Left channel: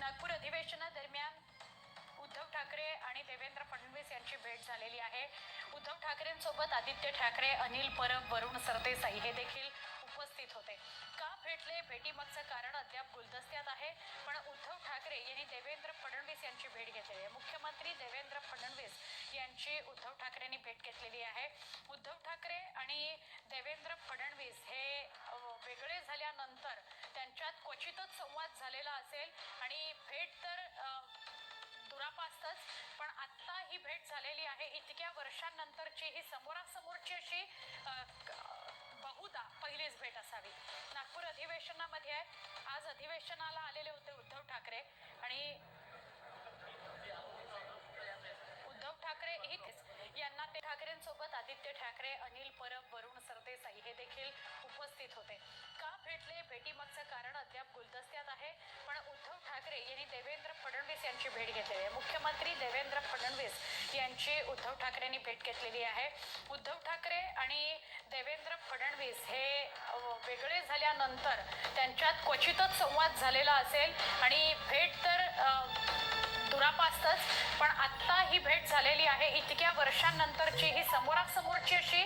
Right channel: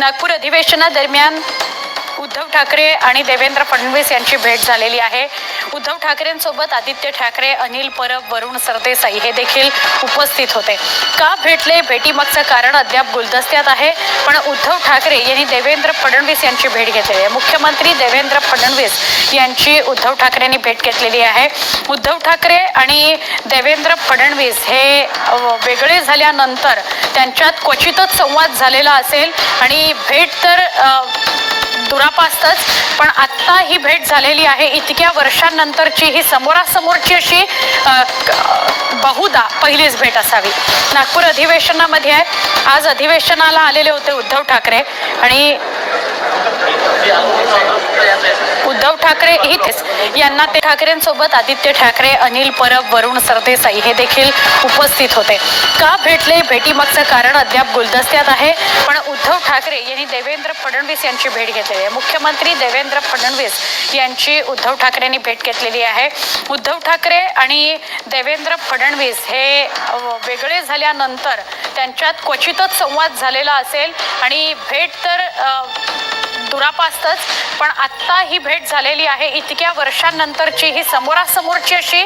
નાગપુર અધિવેશનના દરમિયાન उद्धव ठाकरे आणि देवेंद्र फडणवीस यांची भेट झालेली आहे. उद्धव ठाकरेंसोबत आदित्य ठाकरे अनिल परब वरुण सरदेसाई हे देखील उपस्थित होते. का भेटले? भेटीमागचं कारण अद्याप गुलदस्त्यात आहे. पण उद्धव ठाकरे यांनी देवेंद्र फडणवीस यांची भेट घेतलेली आहे. मुख्यमंत्री देवेंद्र फडणवीस यांची उद्धव ठाकरेंनी भेट घेतलेली आहे. उद्धव ठाकरे आणि देवेंद्र फडणवीस हे वेगळे झाल्यानंतर त्यांच्यात क्वचितच संवाद झालेला असेल आणि भेट तर दुरापास्तच पण आत्ता ही भेट झालेली आहे. इतक्या वर्षांनंतरची ही समोरासमोरची अशी बहुदा बहुधा पहिलीच भेट असावी. नागपूर अधिवेशनामध्ये आहे. आज अधिवेशनाला आलेले होते उद्धव ठाकरे. आणि उद्धव ठाकरे इथेच. यांना ते ठाकरेंसोबत आदित्य ठाकरे अनिल परब वरुण सरदेसाई हे देखील उपस्थित होते. का भेटले? भेटीमागचं कारण अद्याप गुलदस्त्यात आहे. पण उद्धव ठाकरे यांनी देवेंद्र फडणवीस यांची भेट घेतलेली आहे. मुख्यमंत्री देवेंद्र फडणवीस यांची उद्धव ठाकरेंनी भेट घेतलेली आहे. उद्धव ठाकरे आणि देवेंद्र फडणवीस हे वेगळे झाल्यानंतर त्यांच्यात क्वचितच संवाद झालेला असेल. आणि भेट तर दुरापास्तच पण आत्ता ही भेट झालेली आहे. इतक्या वर्षांनंतरची ही समोरासमोरची अशी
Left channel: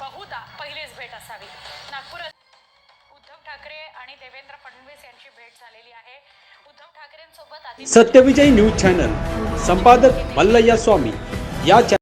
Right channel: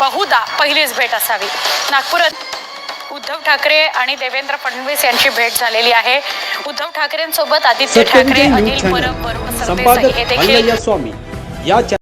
बहुधा पहिलीच भेट असावी. नागपूर उद्धव ठाकरे आणि देवेंद्र फडणवीस यांची भेट झालेली आहे. उद्धव ठाकरेंसोबत आदित्य ठाकरे संपादक मल्लय्या स्वामी. या